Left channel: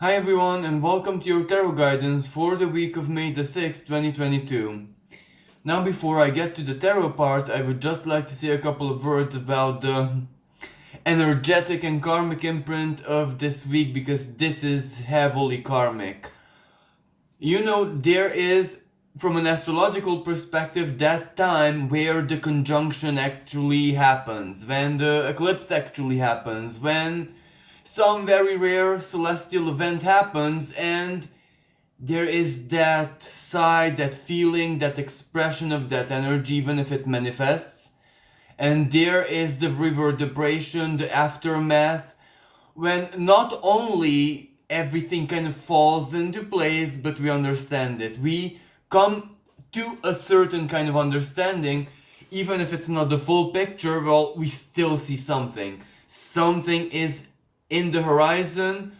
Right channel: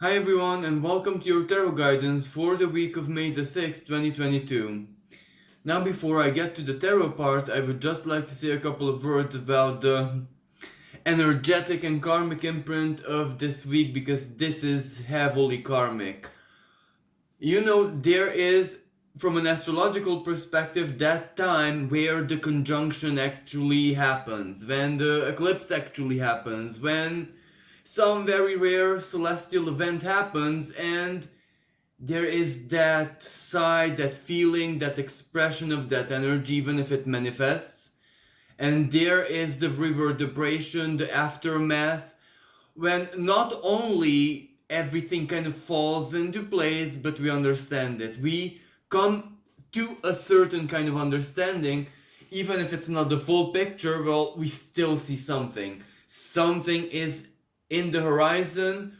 Hi everyone and welcome to your tarot guidance for the week of May the 6th, 2022. Now before I get to the tarot part, I would just like to say a couple of words about the energetic and karmic imprint of this week because this is heavily karmic. There is, from an astrological perspective, that time where the conjunction actually happens, when the eclipse actually happens, when some very rare celestial event happens, and there is that side, that feeling, that expression of that energy, even if it manifests. And there is the reverberation, the aftermath, when not only everything kind of falls into place, but we understand it. We come to a certain kind of understanding, even if it's not the full picture, well, we still see something. Something is in the horizon.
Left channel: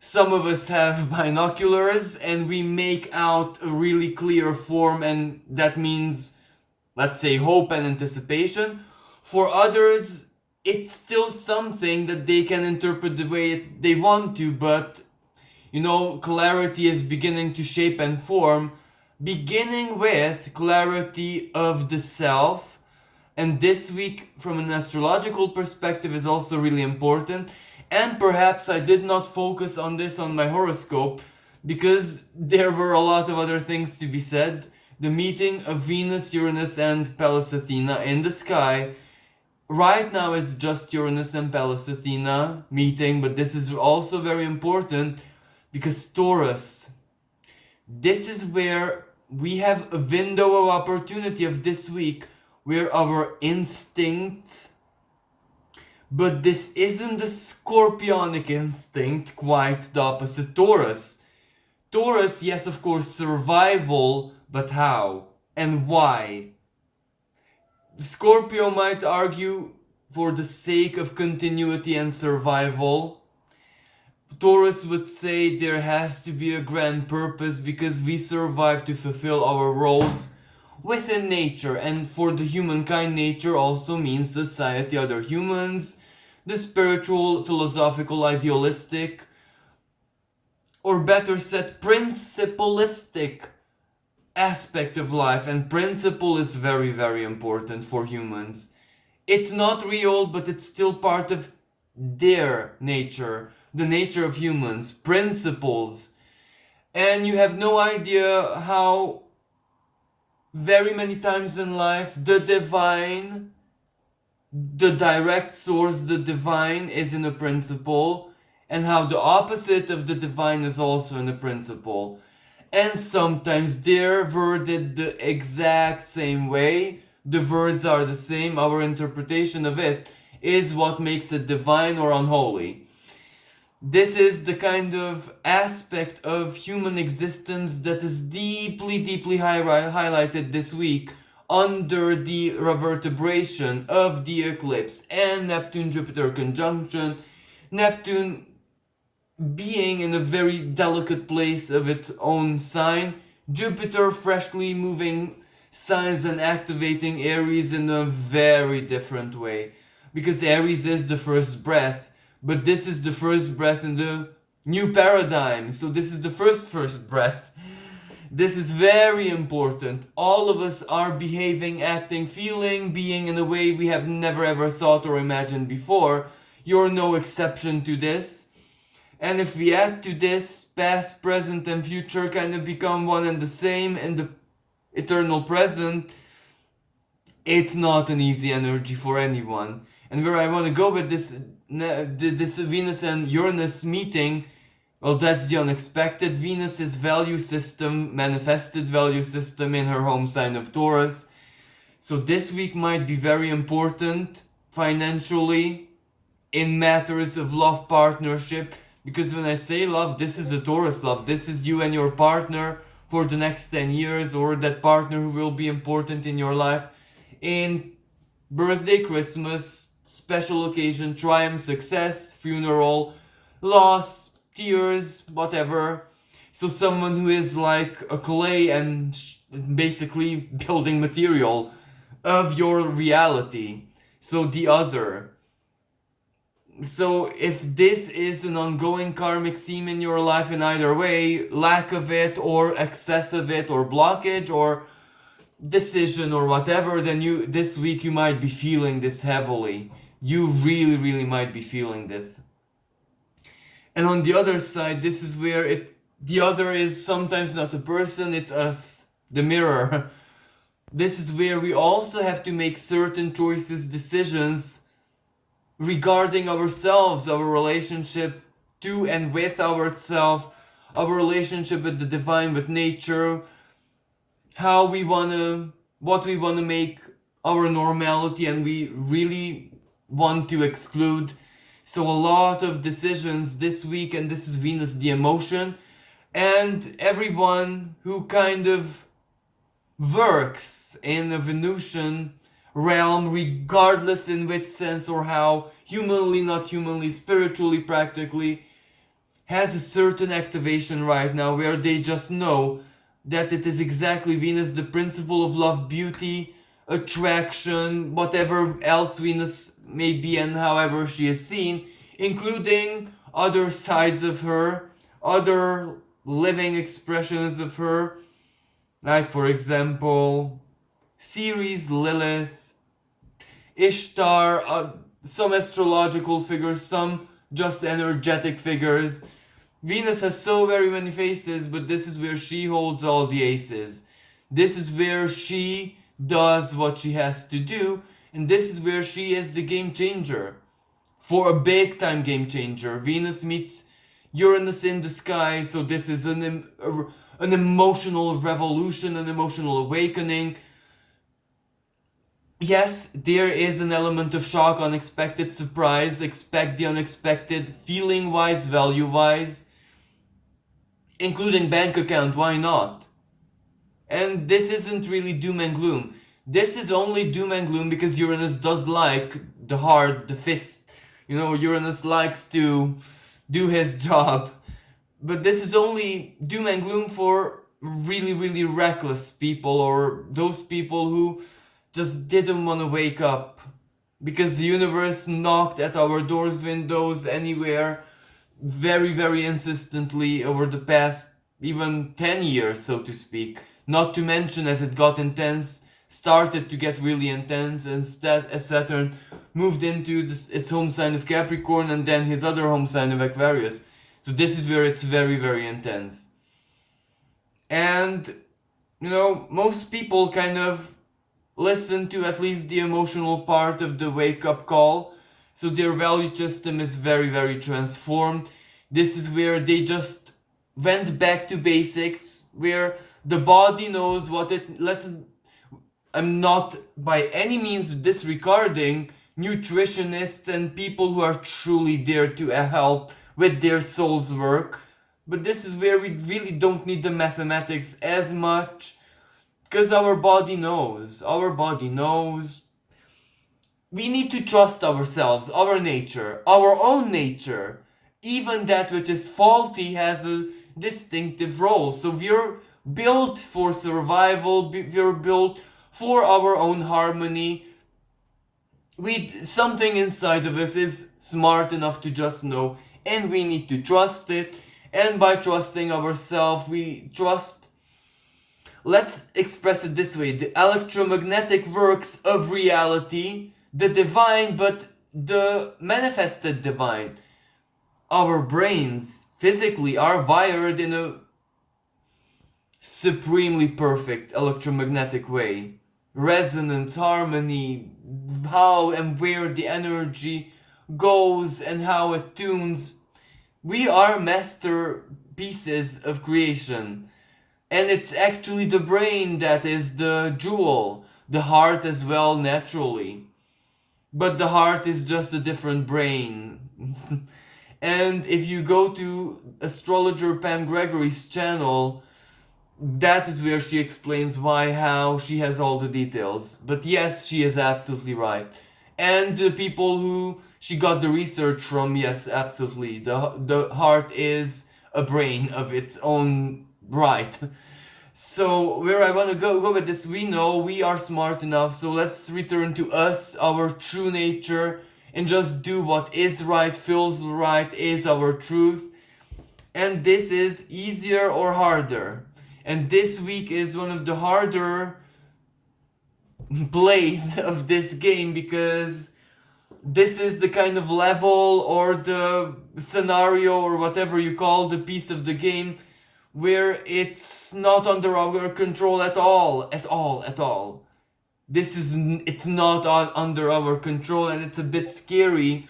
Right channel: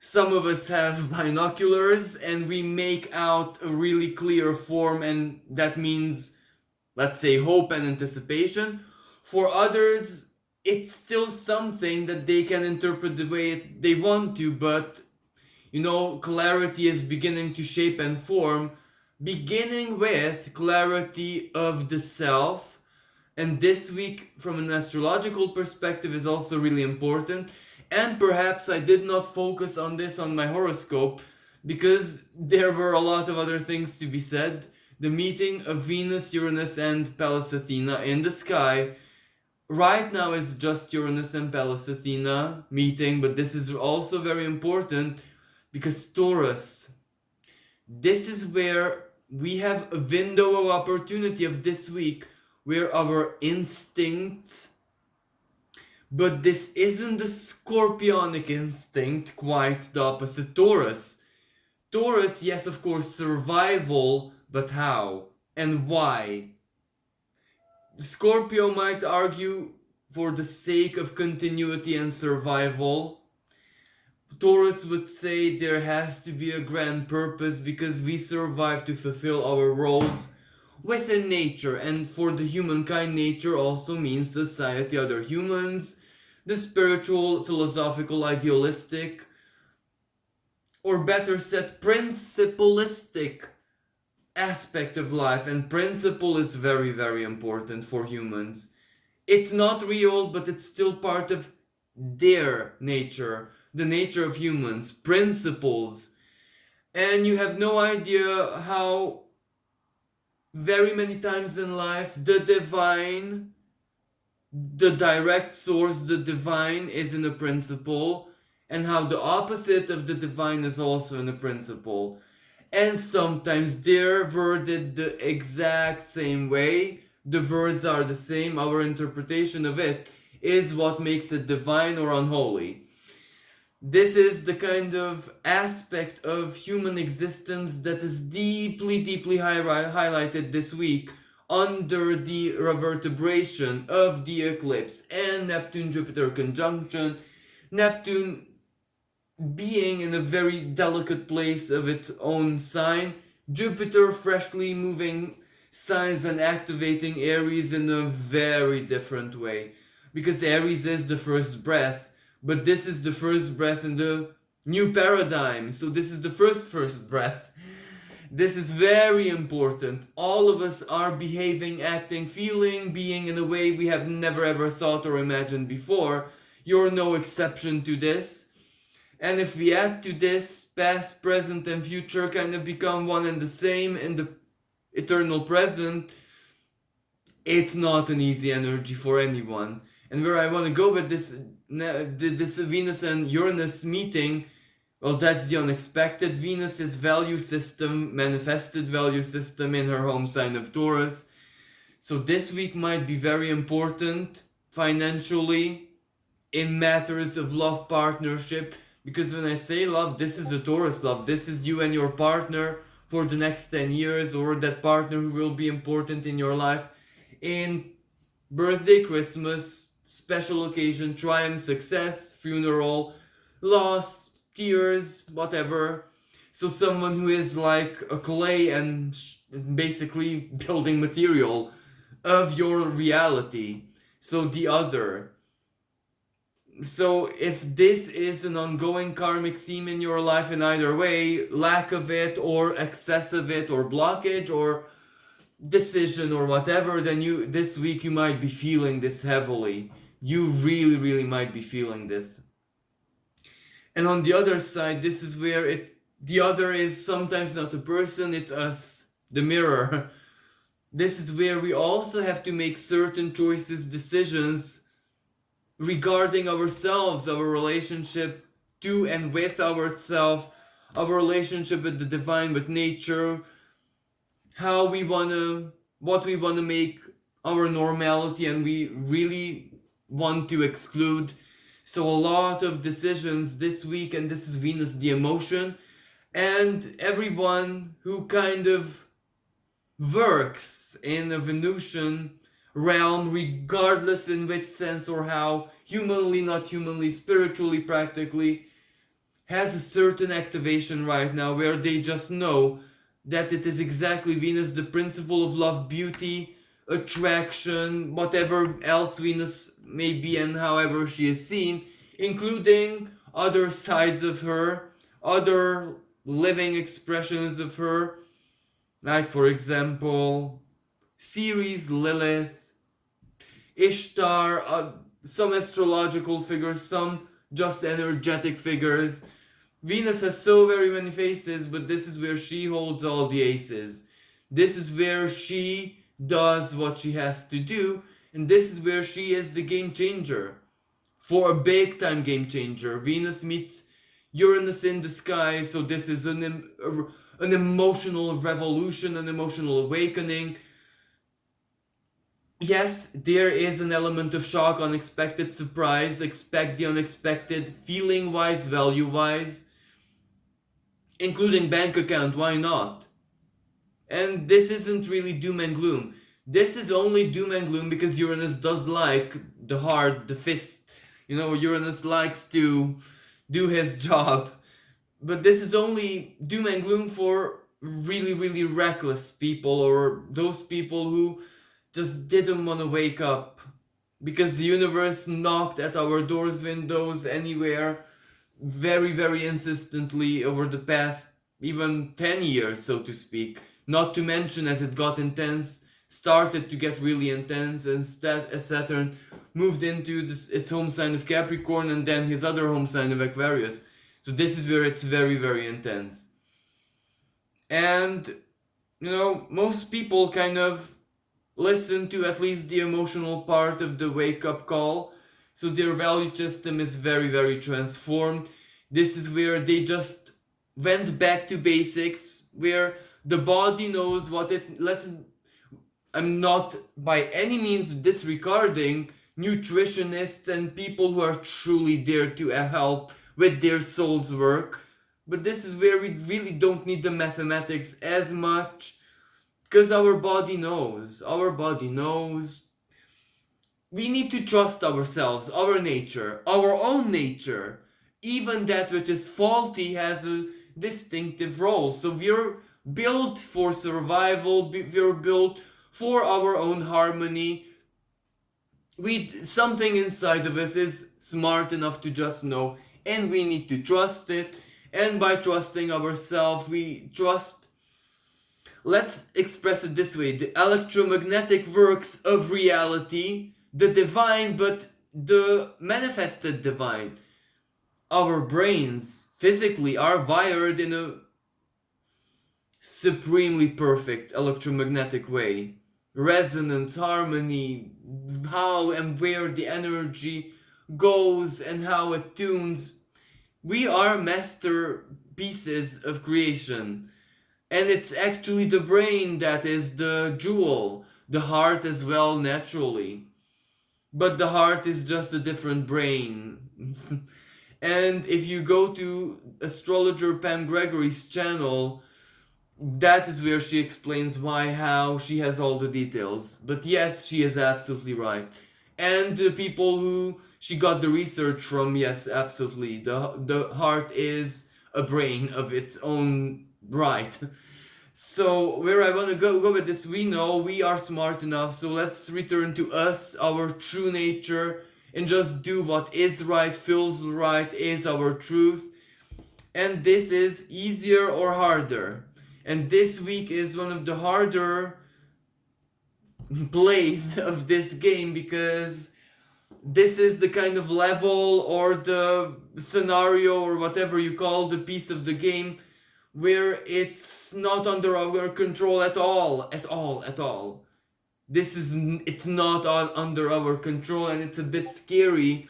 Some of us have binoculars and we make out a really clear form, and that means, let's say, hope and anticipation. For others, it's still something that they can interpret the way they want to, but clarity is beginning to shape and form, beginning with clarity of the self. And this week, from an astrological perspective, is also really important. And perhaps I did not focus on this on my horoscope because there were a lot of other things to be said. The meeting of Venus, Uranus, and Pallas Athena in the sky. Right now it's just Uranus and Pallas Athena meeting, but this is also very important because Taurus, this is where we have a window of opportunity of this week where our instincts, but this isn't the scorpionic instinct, quite the opposite. Taurus, yes, of course, survival, but how and why? Scorpio might argue for the sake of continuity and survival. Taurus would say there has to be a grand purpose because we survive to fulfill our roles within nature, and for the humankind, nature also means society, other humans, the spiritual, philosophical, idealistic, or better said, principalistic aspect of life. And principle is very, very important for humans. It's not real, but it's still part of their nature, the nature of humans, principles. And you have no idea how very many times in life the divine, the direct source, the divine is in a principle, and how the opposite of the divine is also in a principle. And sometimes they're worded the exact same way, the words are the same, our interpretation of it is what makes it divine or unholy. This is the kind of aspect of human existence that is deeply, deeply highlighted this week under the reverberation of the eclipse and Neptune-Jupiter conjunction. Neptune being in a very delicate place of its own sign, Jupiter freshly moving signs and activating Aries in a very different way. Because Aries is the first breath, but this is the first breath in the new paradigm. So this is the first breath. This is very important. All of us are behaving, acting, feeling, being in a way we have never ever thought or imagined before. You're no exception to this. And if we add to this, past, present, and future kind of become one and the same in the eternal present, it's not an easy energy for anyone. And where I want to go with this Venus and Uranus meeting, well, that's the unexpected. Venus is value system, manifested value system in her home sign of Taurus. So this week might be very important financially, in matters of love, partnership. Because when I say love, this is a Taurus love. This is you and your partner for the next 10 years, or that partner who will be important in your life in birthday, Christmas, special occasion, triumph, success, funeral, loss, tears, whatever. So someone who is like a clay and basically building material of your reality. So the other. So if this is an ongoing karmic theme in your life in either way, lack of it or excess of it or blockage or decision or whatever, then you this week you might be feeling this heavily. You really, really might be feeling this. And on the other side, this is where the other is sometimes not a person, it's us, the mirror. This is where we also have to make certain choices, decisions regarding ourselves, our relationship to and with ourselves, our relationship with the divine, with nature, what we wanna make our normality and we really want to exclude. So a lot of decisions this week, and this is Venus the emotion, and everyone who kind of works in a Venusian realm, regardless in which sense or how, humanly, not humanly, spiritually, practically, has a certain activation right now where they just know that it is exactly Venus, the principle of love, beauty, attraction, whatever else Venus may be and however she is seen, including other sides of her, other living expressions of her, like for example, Ceres, Lilith, Ishtar, some astrological figures, some just energetic figures. Venus has so very many faces, but this is where she holds all the aces. This is where she does what she has to do, and this is where she is the game changer. For a big time game changer. Venus meets Uranus in the sky, so this is an emotional revolution, an emotional awakening. Yes, there is an element of shock, unexpected surprise, expect the unexpected, feeling wise, value wise, including bank account, why not? And this isn't really doom and gloom. This is only doom and gloom because Uranus does like the heart, the fist. You know, Uranus likes to do his job. But this is only doom and gloom for really, really reckless people or those people who just didn't want to wake up because the universe knocked at our doors, windows, anywhere very, very insistently over the past even 10 years, so to speak. Not to mention, as it got intense, started to get really intense, and as Saturn moved into its home sign of Capricorn and then his other home sign of Aquarius. So this is where it's very, very intense. And, you know, most people kind of listen to at least the emotional part of the wake-up call. So their value system is very, very transformed. This is where they just went back to basics, where the body knows what it... I'm not by any means disregarding nutritionists and people who are truly there to help with their soul's work. But this is where we really don't need the mathematics as much, because our body knows. Our body knows. We need to trust ourselves, our nature, our own nature. Even that which is faulty has a distinctive role. So we're built for survival, we're built for our own harmony. Something inside of us is smart enough to just know, and we need to trust it. And by trusting ourselves, we trust, let's express it this way, the electromagnetic works of reality, the divine, but the manifested divine. Our brains physically are wired in a supremely perfect electromagnetic way. Resonance, harmony, how and where the energy goes and how it tunes. We are masterpieces of creation. And it's actually the brain that is the jewel, the heart as well, naturally. But the heart is just a different brain. And if you go to astrologer Pam Gregory's channel, that is where she explains why, how, she has all the details. But yes, she is absolutely right. And the people who she got the research from, yes, absolutely. The heart is a brain of its own right. So where I want to go with this, we know we are smart enough, so let's return to us, our true nature, and just do what is right, feels right, is our truth. And this is easier or harder. And this week is one of the harder plays of this game, because this is the kind of level or the scenario or whatever you call the piece of the game where it's not under our control at all. It's not under our control, and it's a bit scary.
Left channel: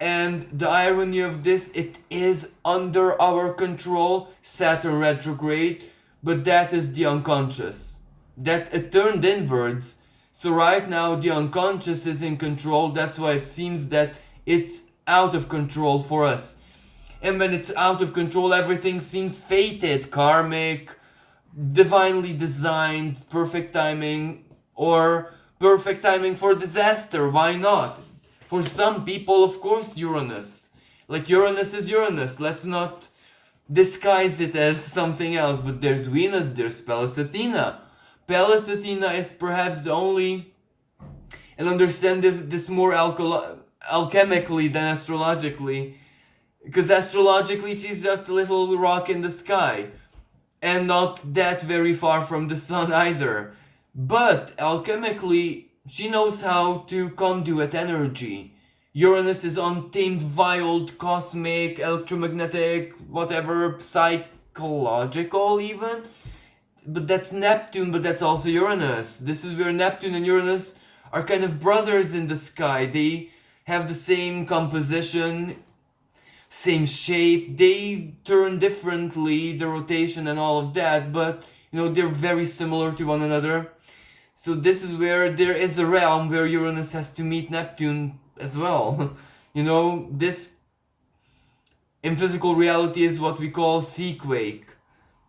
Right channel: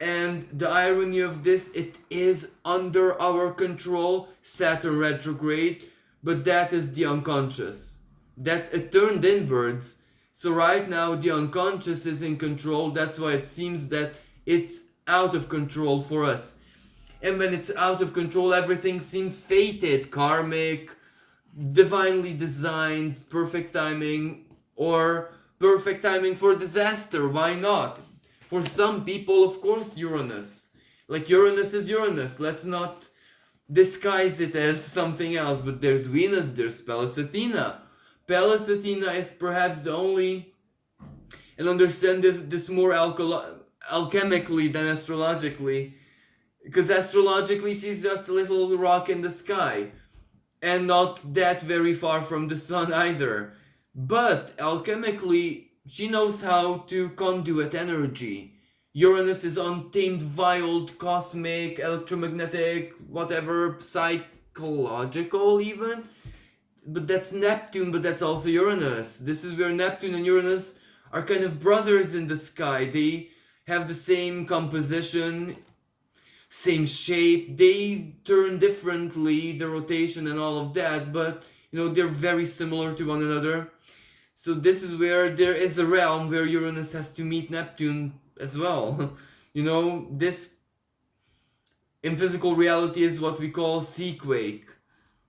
And the irony of this, it is under our control, Saturn retrograde, but that is the unconscious. That it turned inwards. So right now the unconscious is in control. That's why it seems that it's out of control for us. And when it's out of control, everything seems fated, karmic, divinely designed, perfect timing, or perfect timing for disaster. Why not? For some people, of course, Uranus. Like, Uranus is Uranus. Let's not disguise it as something else. But there's Venus, there's Pallas Athena. Pallas Athena is perhaps the only, and understand this more alchemically than astrologically, because astrologically she's just a little rock in the sky, and not that very far from the sun either. But alchemically, she knows how to conduit energy. Uranus is untamed, wild, cosmic, electromagnetic, whatever, psychological even. But that's Neptune, but that's also Uranus. This is where Neptune and Uranus are kind of brothers in the sky. They have the same composition, same shape. They turn differently, the rotation and all of that, but they're very similar to one another. So this is where there is a realm where Uranus has to meet Neptune as well. This in physical reality is what we call seaquake.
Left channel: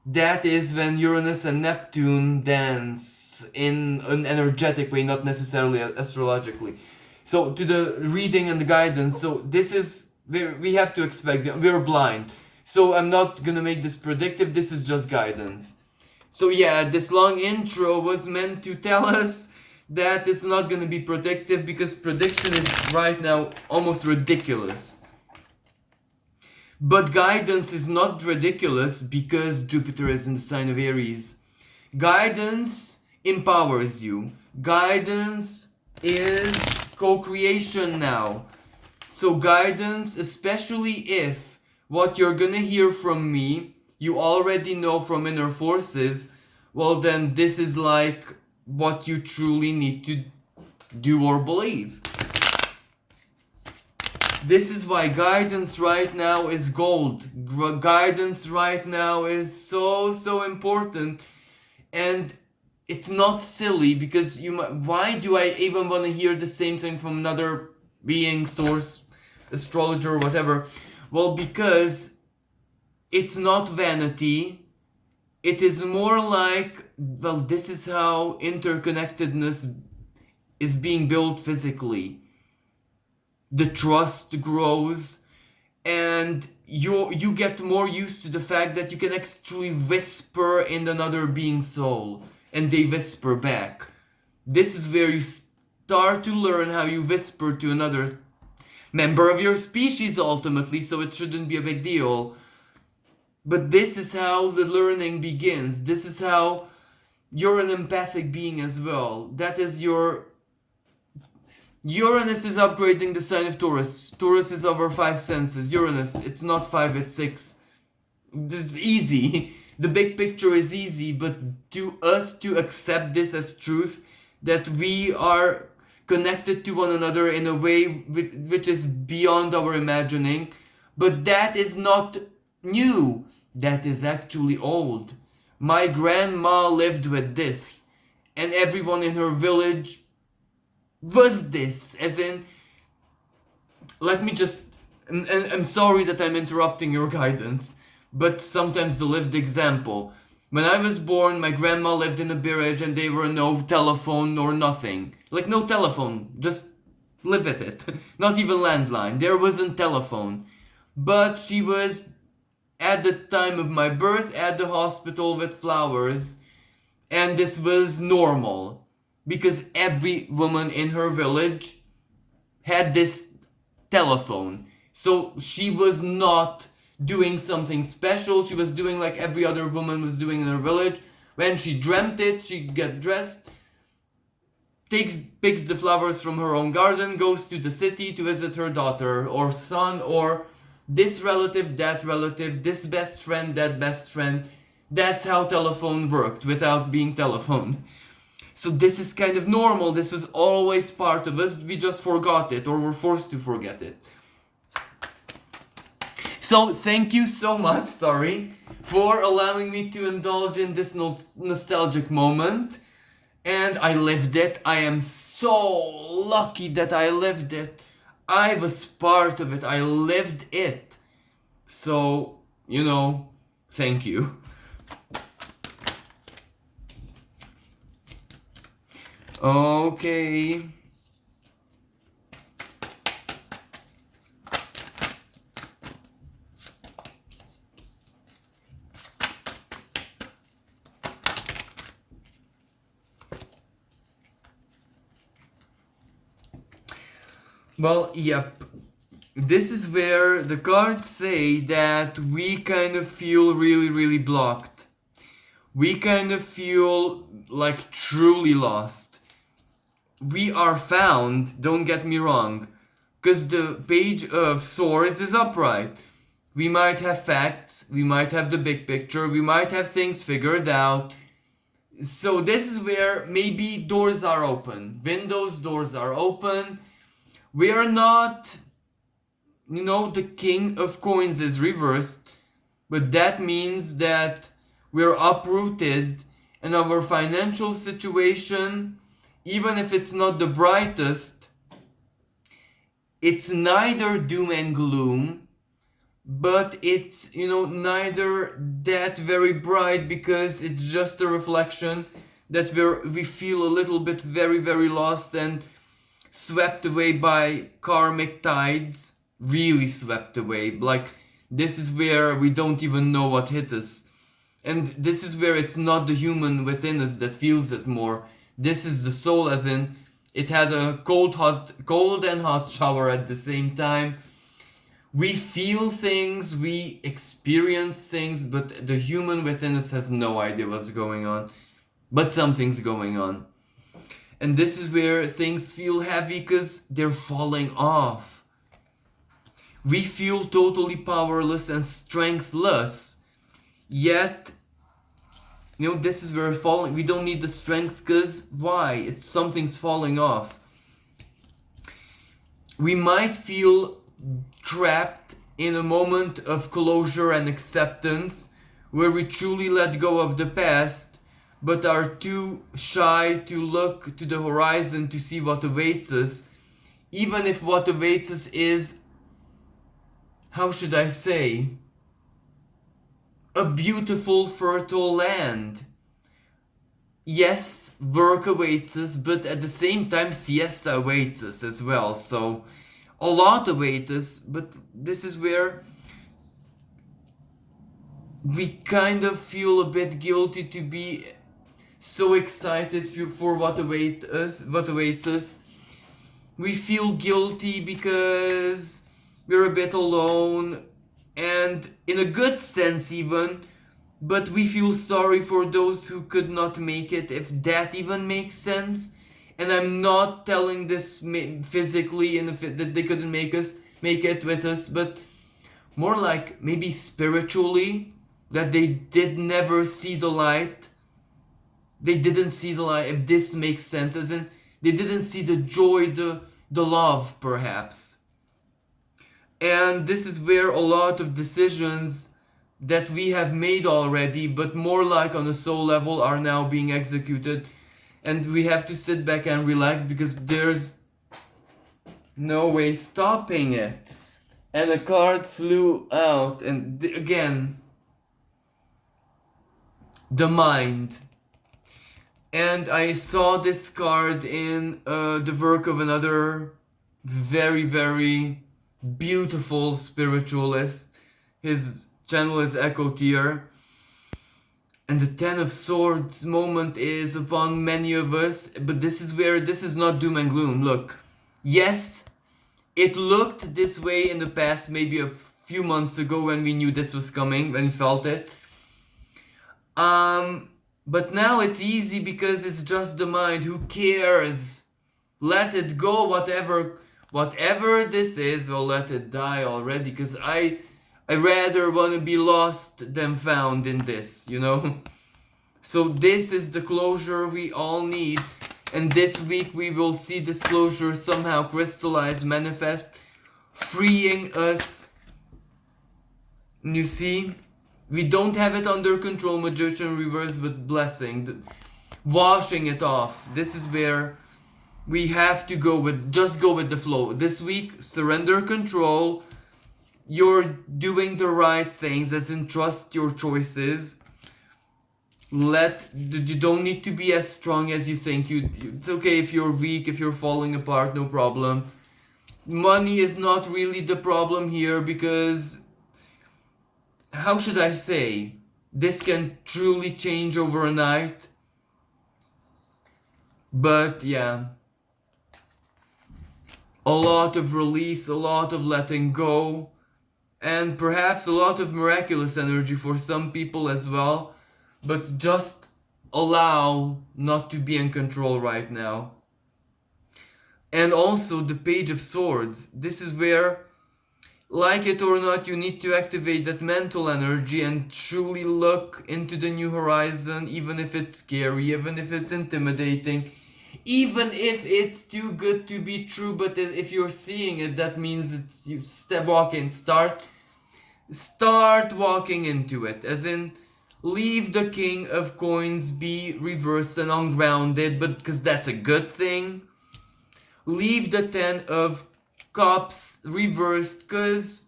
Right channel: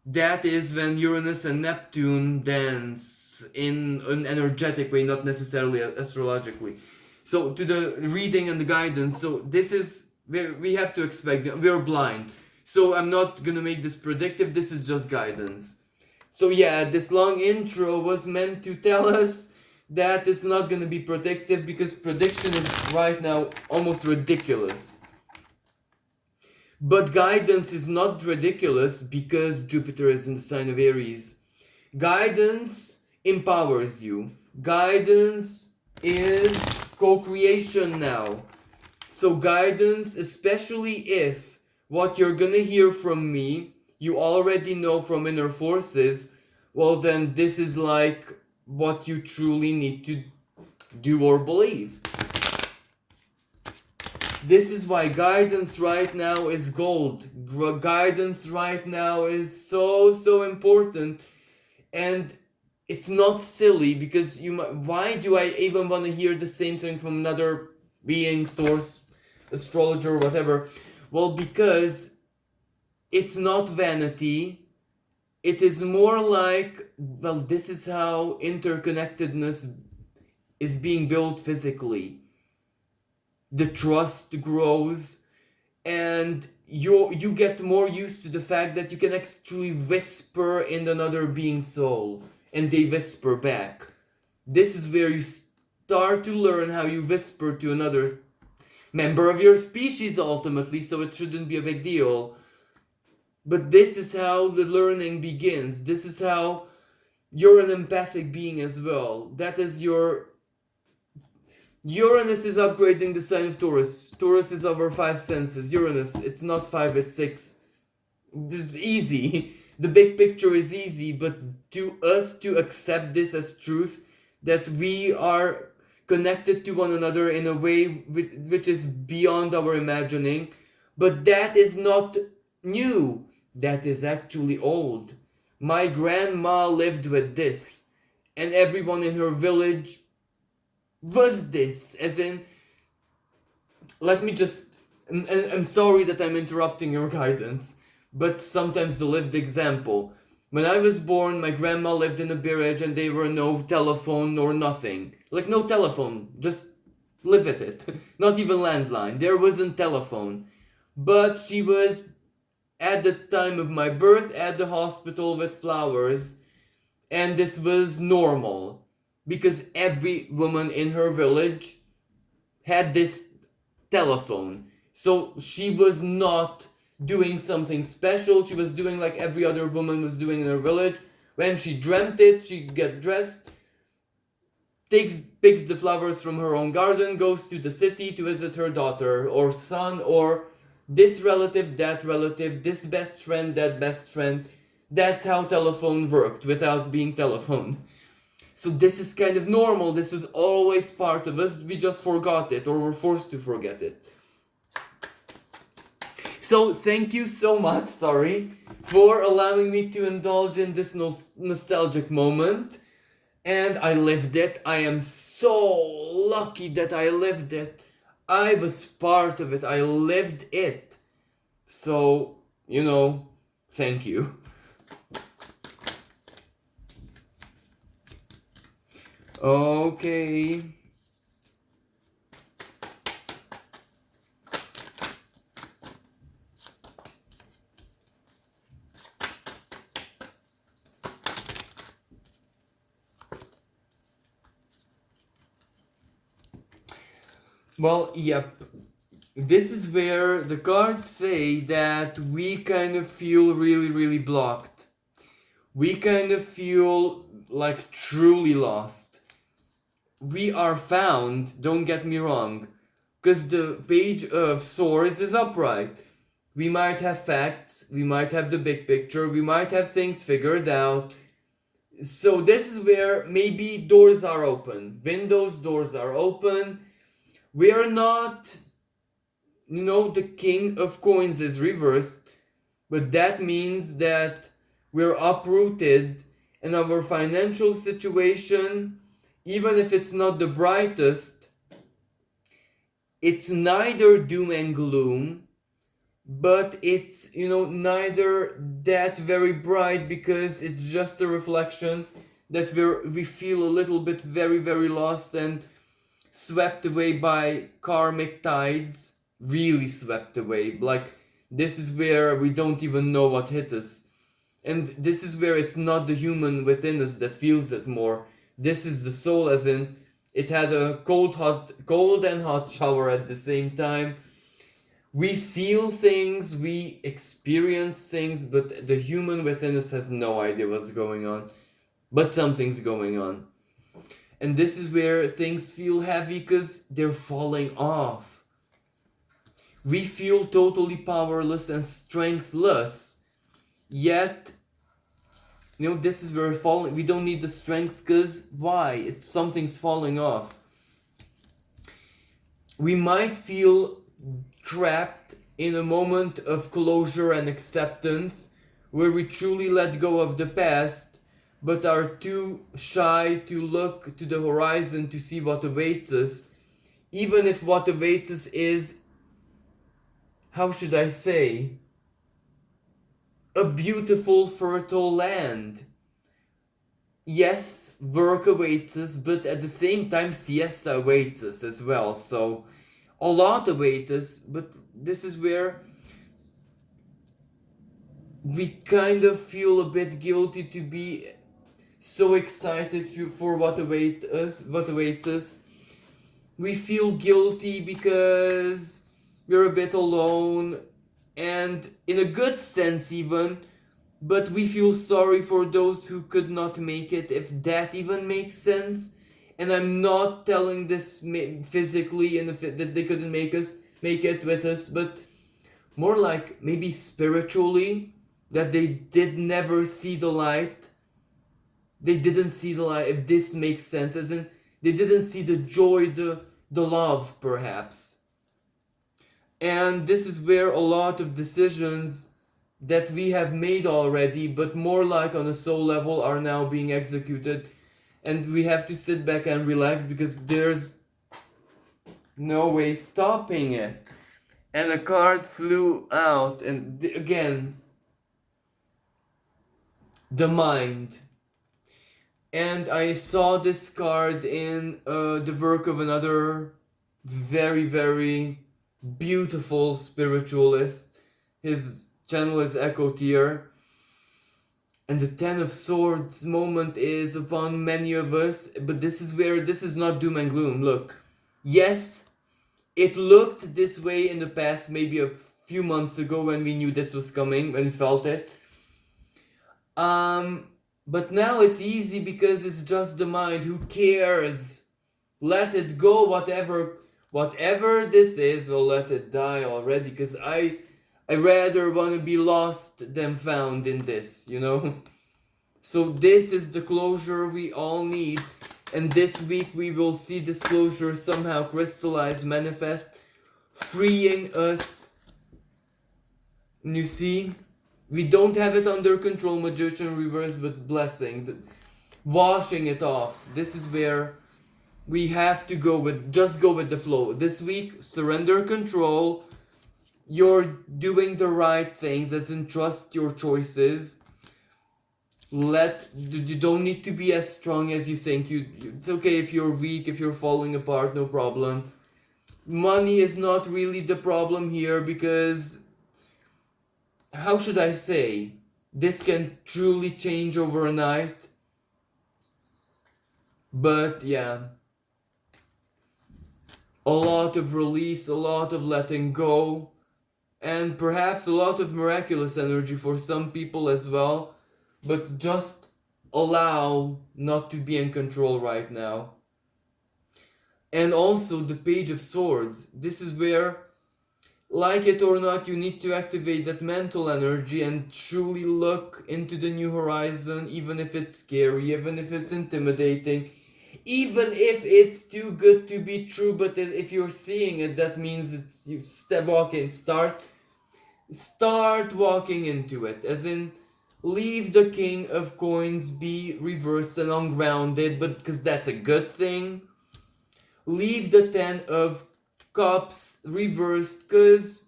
That is when Uranus and Neptune dance in an energetic way, not necessarily astrologically. So to the reading and the guidance, so this is where we have to expect, we're blind. So I'm not gonna make this predictive, this is just guidance. So yeah, this long intro was meant to tell us that it's not gonna be predictive, because prediction is right now almost ridiculous. But guidance is not ridiculous because Jupiter is in the sign of Aries. Guidance empowers you. Guidance is co-creation now. So guidance, especially if what you're gonna hear from me, you already know from inner forces, well then this is like what you truly need to do or believe. This is why guidance right now is gold. Guidance right now is so important, and it's not silly, because why do I even want to hear the same thing from another being, source, astrologer, whatever? Well, because it's not vanity. It is more like, well, this is how interconnectedness is being built physically. The trust grows, and you get more used to the fact that you can actually whisper in another being's soul, and they whisper back. This is where you start to learn how you whisper to another member of your species ultimately, so it shouldn't be a big deal. But this is how the learning begins. This is how you're an empathic being as well. That is your Uranus is upgrading the sign of Taurus. Taurus is our 5 senses. Uranus, it's not 5, it's 6. It's easy. The big picture is easy, but to us to accept this as truth, that we are connected to one another in a way which is beyond our imagining. But that is not new. That is actually old. My grandma lived with this, and everyone in her village was this, as in, let me just, I'm sorry that I'm interrupting your guidance, but sometimes the lived example. When I was born, my grandma lived in a village and there were no telephone or nothing. Like no telephone, just live with it. Not even landline, there wasn't telephone. But she was, at the time of my birth, at the hospital with flowers, and this was normal. Because every woman in her village had this telephone. So she was not doing something special. She was doing like every other woman was doing in her village. When she dreamt it, she get dressed, picks the flowers from her own garden, goes to the city to visit her daughter or son or this relative, that relative, this best friend, that best friend. That's how telephone worked without being telephone. So this is kind of normal. This is always part of us. We just forgot it or were forced to forget it. So thank you so much, sorry, for allowing me to indulge in this nostalgic moment. And I lived it. I am so lucky that I lived it. I was part of it. I lived it. So, thank you. Okay. Well, yep. This is where the cards say that we kind of feel really, really blocked. We kind of feel like truly lost. We are found, don't get me wrong, because the Page of Swords is upright. We might have facts, we might have the big picture, we might have things figured out. So this is where maybe doors are open, windows, doors are open. We are not, the King of Coins is reversed, but that means that we're uprooted and our financial situation, even if it's not the brightest, it's neither doom and gloom, but it's, neither that very bright because it's just a reflection that we feel a little bit very, very lost and swept away by karmic tides, really swept away. Like, this is where we don't even know what hit us. And this is where it's not the human within us that feels it more. This is the soul, as in, it had a cold and hot shower at the same time. We feel things, we experience things, but the human within us has no idea what's going on. But something's going on. And this is where things feel heavy because they're falling off. We feel totally powerless and strengthless. Yet, this is where we're falling. We don't need the strength because why? Something's falling off. We might feel trapped in a moment of closure and acceptance where we truly let go of the past but are too shy to look to the horizon to see what awaits us, even if what awaits us is, how should I say, a beautiful fertile land. Yes, work awaits us, but at the same time siesta awaits us as well, so a lot awaits us, but this is where we kind of feel a bit guilty to be so excited for what awaits us. We feel guilty because we're a bit alone, and in a good sense even, but we feel sorry for those who could not make it, if that even makes sense. And I'm not telling this physically and that they couldn't make it with us, but more like maybe spiritually, that they did never see the light. They didn't see the light, if this makes sense, as in they didn't see the joy, the love perhaps. And this is where a lot of decisions that we have made already, but more like on a soul level, are now being executed. And we have to sit back and relax because there's no way stopping it. And a card flew out, and again, the mind. And I saw this card in the work of another very, very beautiful spiritualist. His channel is Echo Tier. And the Ten of Swords moment is upon many of us, but this is not doom and gloom. Look, yes, It looked this way in the past, maybe a few months ago when we knew this was coming, when we felt it. But now it's easy because it's just the mind. Who cares? Let it go, whatever this is, or let it die already. Because I rather want to be lost than found in this, you know? So this is the closure we all need. And this week we will see this closure somehow crystallize, manifest, freeing us. You see? We don't have it under control, magician reverse, but blessing. Washing it off. This is where we have to just go with the flow. This week, surrender control. You're doing the right things, as in trust your choices. You don't need to be as strong as you think. It's okay if you're weak, if you're falling apart, no problem. Money is not really the problem here because, how should I say, this can truly change overnight. But yeah, a lot of release, a lot of letting go, and perhaps a lot of miraculous energy for some people as well. But just allow not to be in control right now. And also the Page of Swords. This is where, like it or not, you need to activate that mental energy and truly look into the new horizon, even if it's scary, even if it's intimidating, even if it's too good to be true. But if you're seeing it, that means it's you start walking into it, as in leave the King of Coins be reversed and ungrounded, but because that's a good thing. Leave the 10 of Cups reversed, because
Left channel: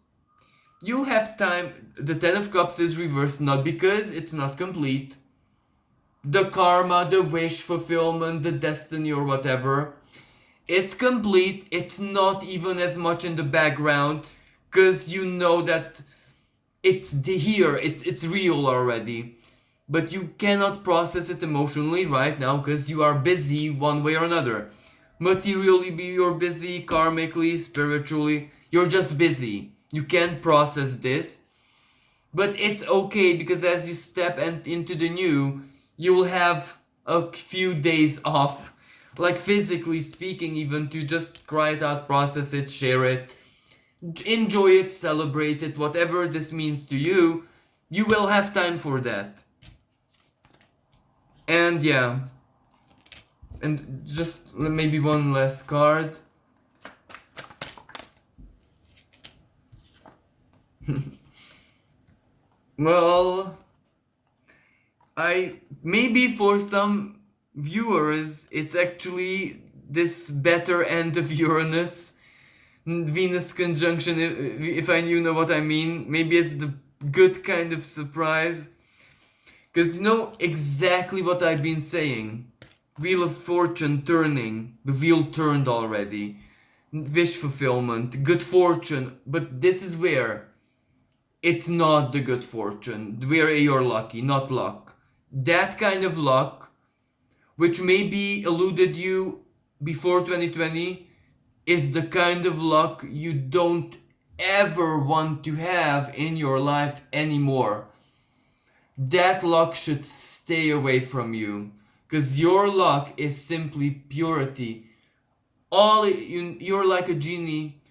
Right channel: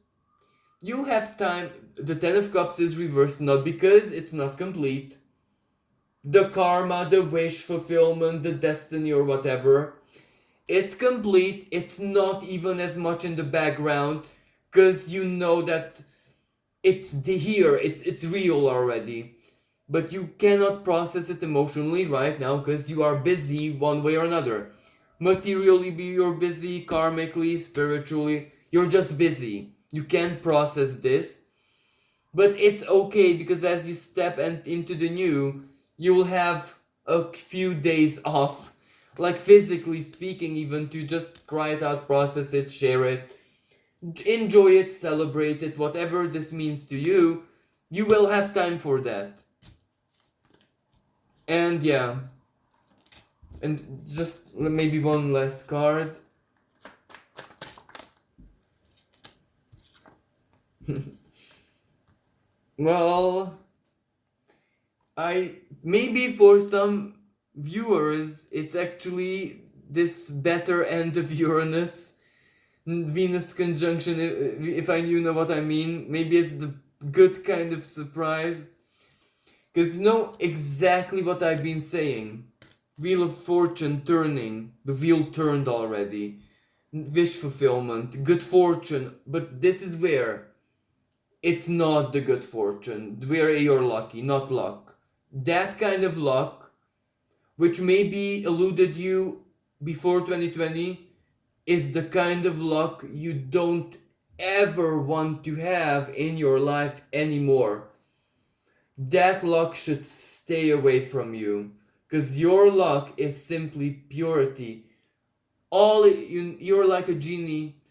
you have time. The 10 of Cups is reversed not because it's not complete. The karma, the wish fulfillment, the destiny or whatever, it's complete. It's not even as much in the background, because you know that it's here, it's real already. But you cannot process it emotionally right now because you are busy one way or another. Materially, you're busy, karmically, spiritually, you're just busy. You can't process this. But it's okay, because as you step into the new, you will have a few days off. Like physically speaking, even to just cry it out, process it, share it. Enjoy it, celebrate it, whatever this means to you, you will have time for that. And yeah, and just maybe one last card. Well, maybe for some viewers it's actually this better end of Uranus, Venus conjunction, if you know what I mean. Maybe it's the good kind of surprise, because you know exactly what I've been saying. Wheel of Fortune turning, the wheel turned already. Wish fulfillment, good fortune, but this is where it's not the good fortune, where you're lucky, not luck. That kind of luck, which maybe eluded you before 2020, is the kind of luck you don't ever want to have in your life anymore. That luck should stay away from you, because your luck is simply purity. You're like a genie,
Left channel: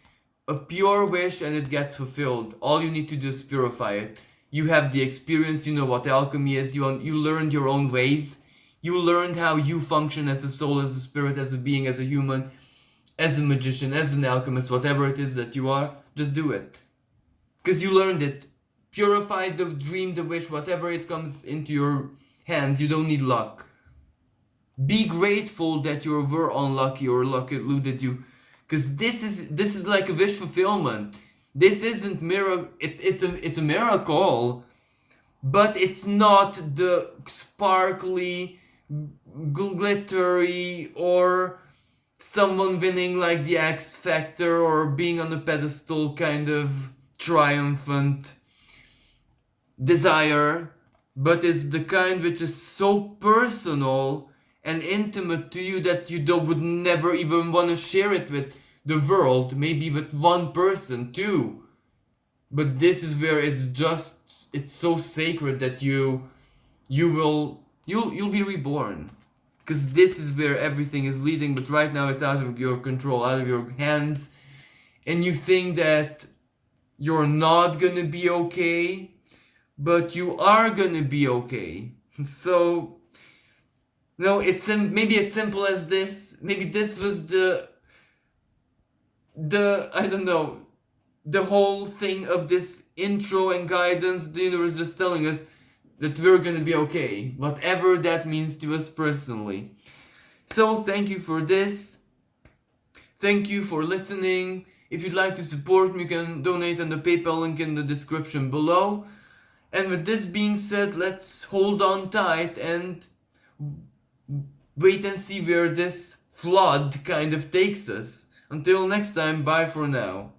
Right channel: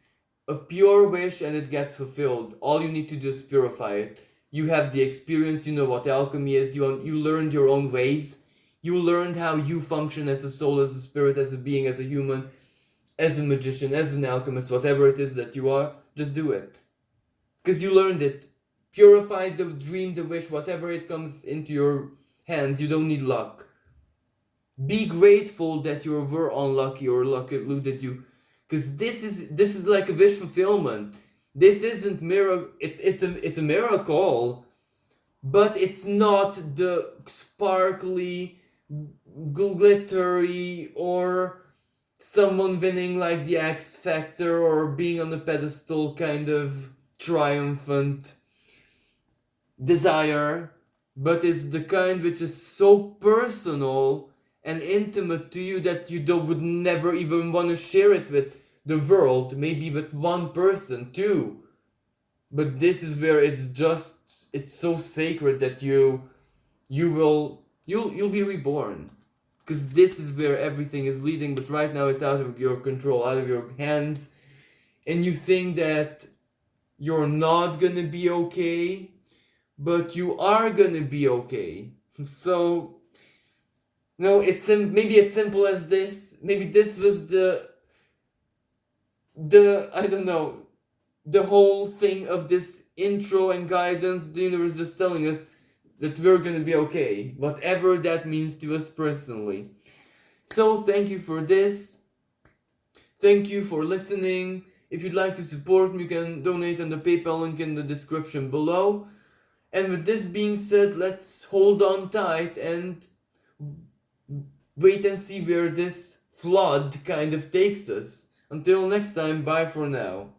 a pure wish, and it gets fulfilled. All you need to do is purify it. You have the experience, you know what alchemy is, you learned your own ways, you learned how you function as a soul, as a spirit, as a being, as a human, as a magician, as an alchemist, whatever it is that you are. Just do it, because you learned it. Purify the dream, the wish, whatever it comes into your hands. You don't need luck. Be grateful that you were unlucky or luck eluded you, because this is like a wish fulfillment. This isn't miracle. It's a miracle, but it's not the sparkly, glittery, or someone winning like the X Factor or being on the pedestal kind of triumphant desire, but it's the kind which is so personal and intimate to you that you would never even want to share it with the world, maybe with one person too. But this is where it's so sacred that you'll be reborn. Because this is where everything is leading, but right now it's out of your control, out of your hands, and you think that you're not gonna be okay, but you are gonna be okay. So, no, maybe it's simple as this. Maybe this was the I don't know, the whole thing of this intro and guidance. The universe just telling us that we're gonna be okay, whatever that means to us personally. So thank you for this. Thank you for listening. If you'd like to support me, you can donate on the PayPal link in the description below. And with this being said, let's hold on tight and wait and see where this flood kind of takes us. Until next time, bye for now.